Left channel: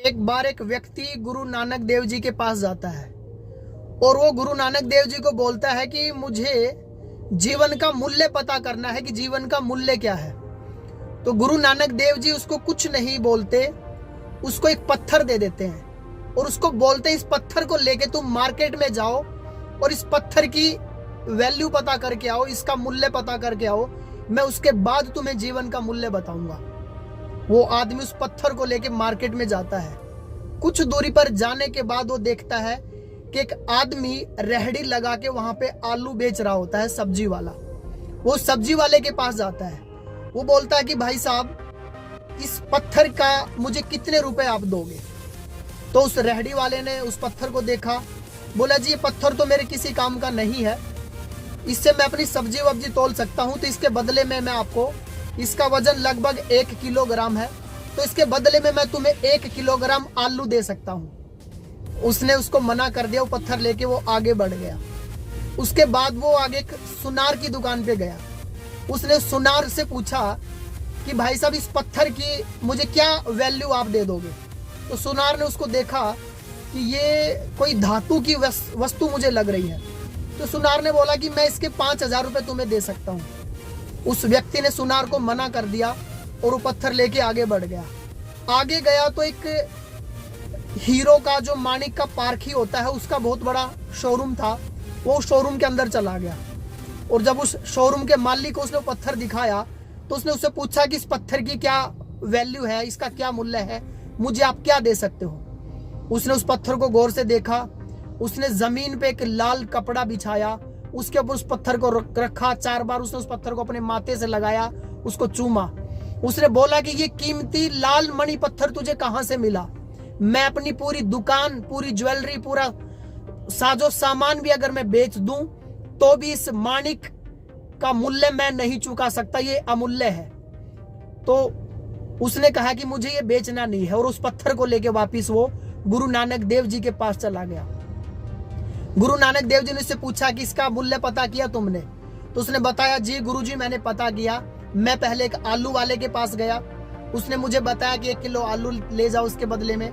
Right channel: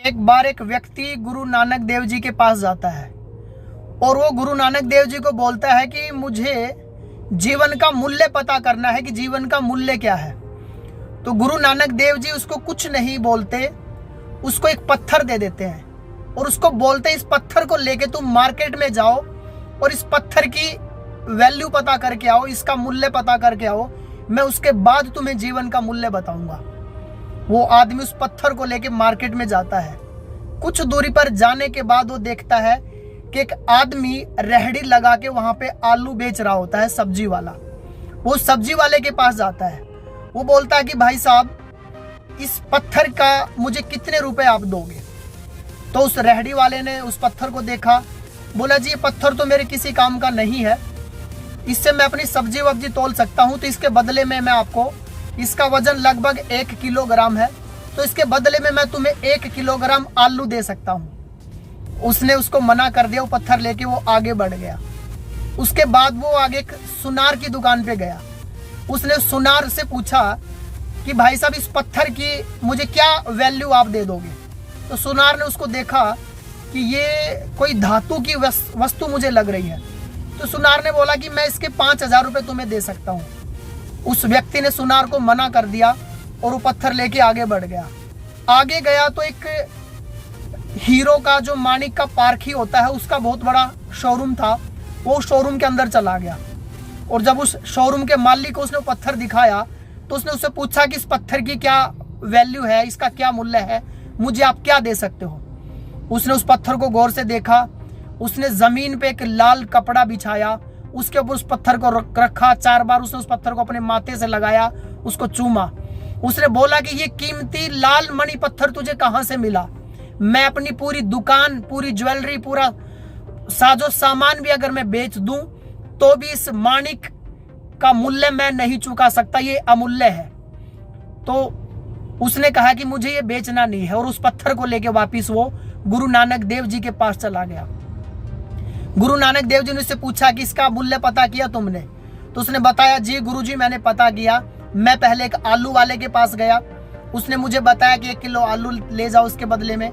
एक बार एक व्यक्ति गुरु नानक देव जी के पास जाता है और वो गुरु नानक देव जी को बोलता है कि मुझे जीवन का मूल्य पता करना है कि जीवन का मूल्य क्या है। तो गुरु नानक देव जी उसको कुछ नहीं बोलते, उसको एक पत्थर दे देते हैं और उसको बोलते इस पत्थर को लेके तुम मार्केट में जाओ और इस पत्थर की वैल्यू पता करके आओ, इसका मूल्य पता करके आओ, मैं उसके बाद तुम्हें जीवन का मूल्य बताऊंगा। वो आदमी उस पत्थर को लेके मार्केट में जाता है। कुछ दूरी पर जाने के बाद वो देखता है कि एक आदमी रेहड़ी लगा के वहां पे आलू बेच रहा होता है, सब्जी वाला। वो सब्जी वाले के पास जाता है, वो बोलता है कि भाई साहब इस पत्थर का मुझे कितने रुपए आप दोगे। तो उस रेहड़ी वाले ने उस पत्थर को देखा, बोला जी ये पत्थर तो मेरे किसी काम का नहीं है, इससे मैं अपनी सब्जी वब्जी तोल सकता हूँ, तो इसके बदले में मैं आपको, इसका वजन लगभग 1 किलोग्राम है, तो इसके बदले में मैं तुम्हें 1 किलोग्राम आलू दे सकता हूँ। उसने उसको मना कर दिया, वो पत्थर लेके वो आगे बढ़ गया। उसके बाद वो आगे एक सुनार की दुकान पे गया। उसने सुनार से पूछा कि भाई साहब इस पत्थर की मुझे क्या वैल्यू आप दे दोगे। तो सुनार ने उसको देखा कि ये कोई धातु की वस्तु मुझे लग रही है। तो सुनार ने बोला कि मैं इसके 5,000 रुपये तुम्हें दे सकता हूँ। उस व्यक्ति ने सुनार को मना कर दिया और वो पत्थर लेके आगे बढ़ गया। आगे गया तो एक हीरो का जो माणिक का पारखी होता है उसका बहुत बड़ा शोरूम था। वो शोरूम के अंदर चला गया और जब उस शोरूम के मालिक को उसने पत्थर दिखाया तो उसने उससे पूछा कि इस पत्थर की क्या वैल्यू है, इसका क्या मूल्य है, मुझे आप क्या दे सकते हो। उसने उस पत्थर को गौर से देखा। उसने जमीन पे एक लाल कपड़ा बिछाया, उसके ऊपर उस पत्थर को रखा। 4 बार उसने उस पत्थर को अपने माथे से लगाया, उसको चूमा। उसने बोला कि ये कीमती लाल मणि पत्थर तुझे कहां से मिला। मैं अपनी पूरी दुकान, पूरी ज्वेलरी, पूरा साजो सामान भी अगर मैं बेच दूं तो भी इस माणिक का मूल्य मैं नहीं चुका सकता, ये अमूल्य है। तो उसने कहा कि मुझे ये बेचना नहीं है और उस पत्थर को लेके वापिस वो गुरु नानक देव जी के पास चला गया। गुरु नानक देव जी ने उससे पूछा कि इसका मूल्य पता किया तुमने। तो उसने बताया जी गुरु जी मैंने पता किया। मैं पहले एक आलू वाले के पास गया, उसने मुझे बताया कि 1 किलो आलू ले जाओ उसके बदले में।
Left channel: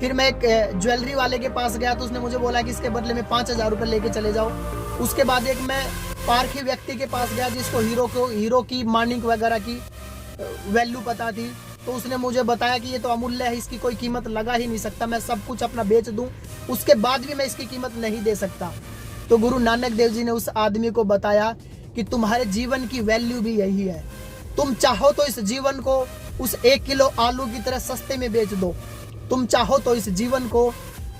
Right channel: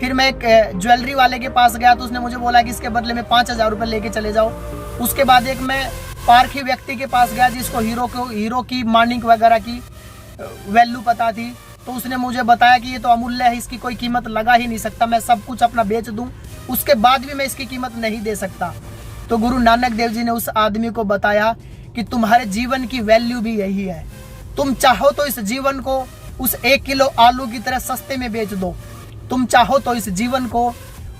फिर मैं एक ज्वेलरी वाले के पास गया तो उसने मुझे बोला कि इसके बदले में 5,000 रुपये लेके चले जाओ। उसके बाद एक मैं पारखी व्यक्ति के पास गया जिसको हीरो की माणिक वगैरह की वैल्यू पता थी। तो उसने मुझे बताया कि ये तो अमूल्य है, इसकी कोई कीमत लगा ही नहीं सकता, मैं सब कुछ अपना बेच दूं उसके बाद भी मैं इसकी कीमत नहीं दे सकता। तो गुरु नानक देव जी ने उस आदमी को बताया कि तुम्हारे जीवन की वैल्यू भी यही है। तुम चाहो तो इस जीवन को उस 1 किलो आलू की तरह सस्ते में बेच दो, तुम चाहो तो इस जीवन को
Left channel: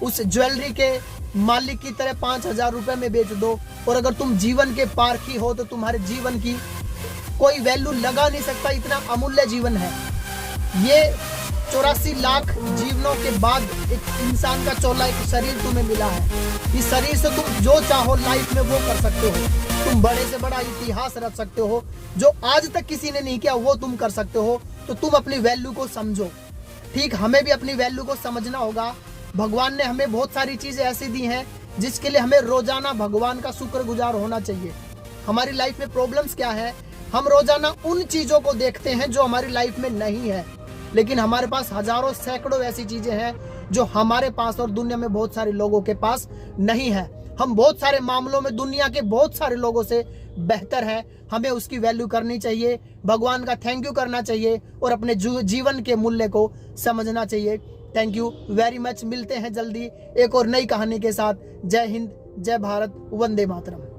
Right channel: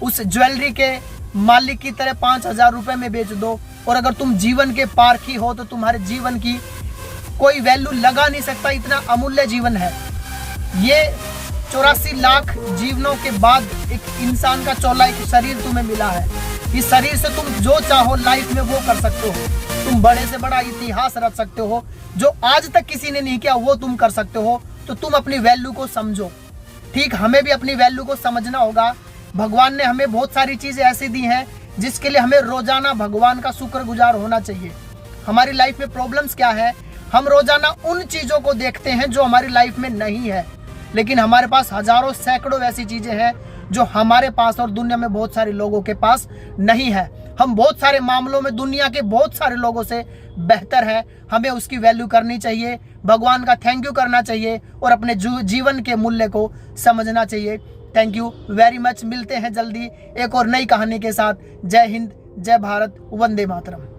उस ज्वेलरी के मालिक की तरह 5,000 रुपये में बेच दो, और अगर तुम जीवन के पारखी हो तो तुम्हारे जीवन की कोई वैल्यू लगा नहीं सकता, इतना अमूल्य जीवन है। ये 84 लाख जीवनों के बाद एक इंसान का चौला एक शरीर तुम्हें मिला है। इस शरीर से तुम जो चाहो लाइफ में वो कर सकते हो। तुम बड़े से बड़ा इतिहास रच सकते हो, जो आज तक किसी ने नहीं किया वो तुम कर सकते हो। तो तुम अपनी वैल्यू को समझो। ठीक, हमें भी अपनी वैल्यू को समझना होगा। भगवान ने हमें बहुत सारी चीजें ऐसी दी हैं जिसके लिए हमें रोजाना भगवान का शुक्रगुजार होना चाहिए। हमारी लाइफ में प्रॉब्लम्स क्या है, हम रोजाना उन चीजों को देखते हैं जो हमारी लाइफ में नहीं है, लेकिन हमारे पास हजारों सैकड़ों ऐसी चीजें हैं जो हमारे पास और दुनिया में बहुत सारे लोगों के पास नहीं है। हम बहुत सारे मामलों में दुनिया के बहुत सारे लोगों से बेहतर हैं। हमें उसकी वैल्यू करनी चाहिए, भगवान का थैंक यू करना चाहिए और अपने जीवन के मूल्य को समझना चाहिए। Thank you very much. मिलते हैं जल्दी एक और नई कहानी के साथ। जय हिंद, जय भारत, वंदे मातरम।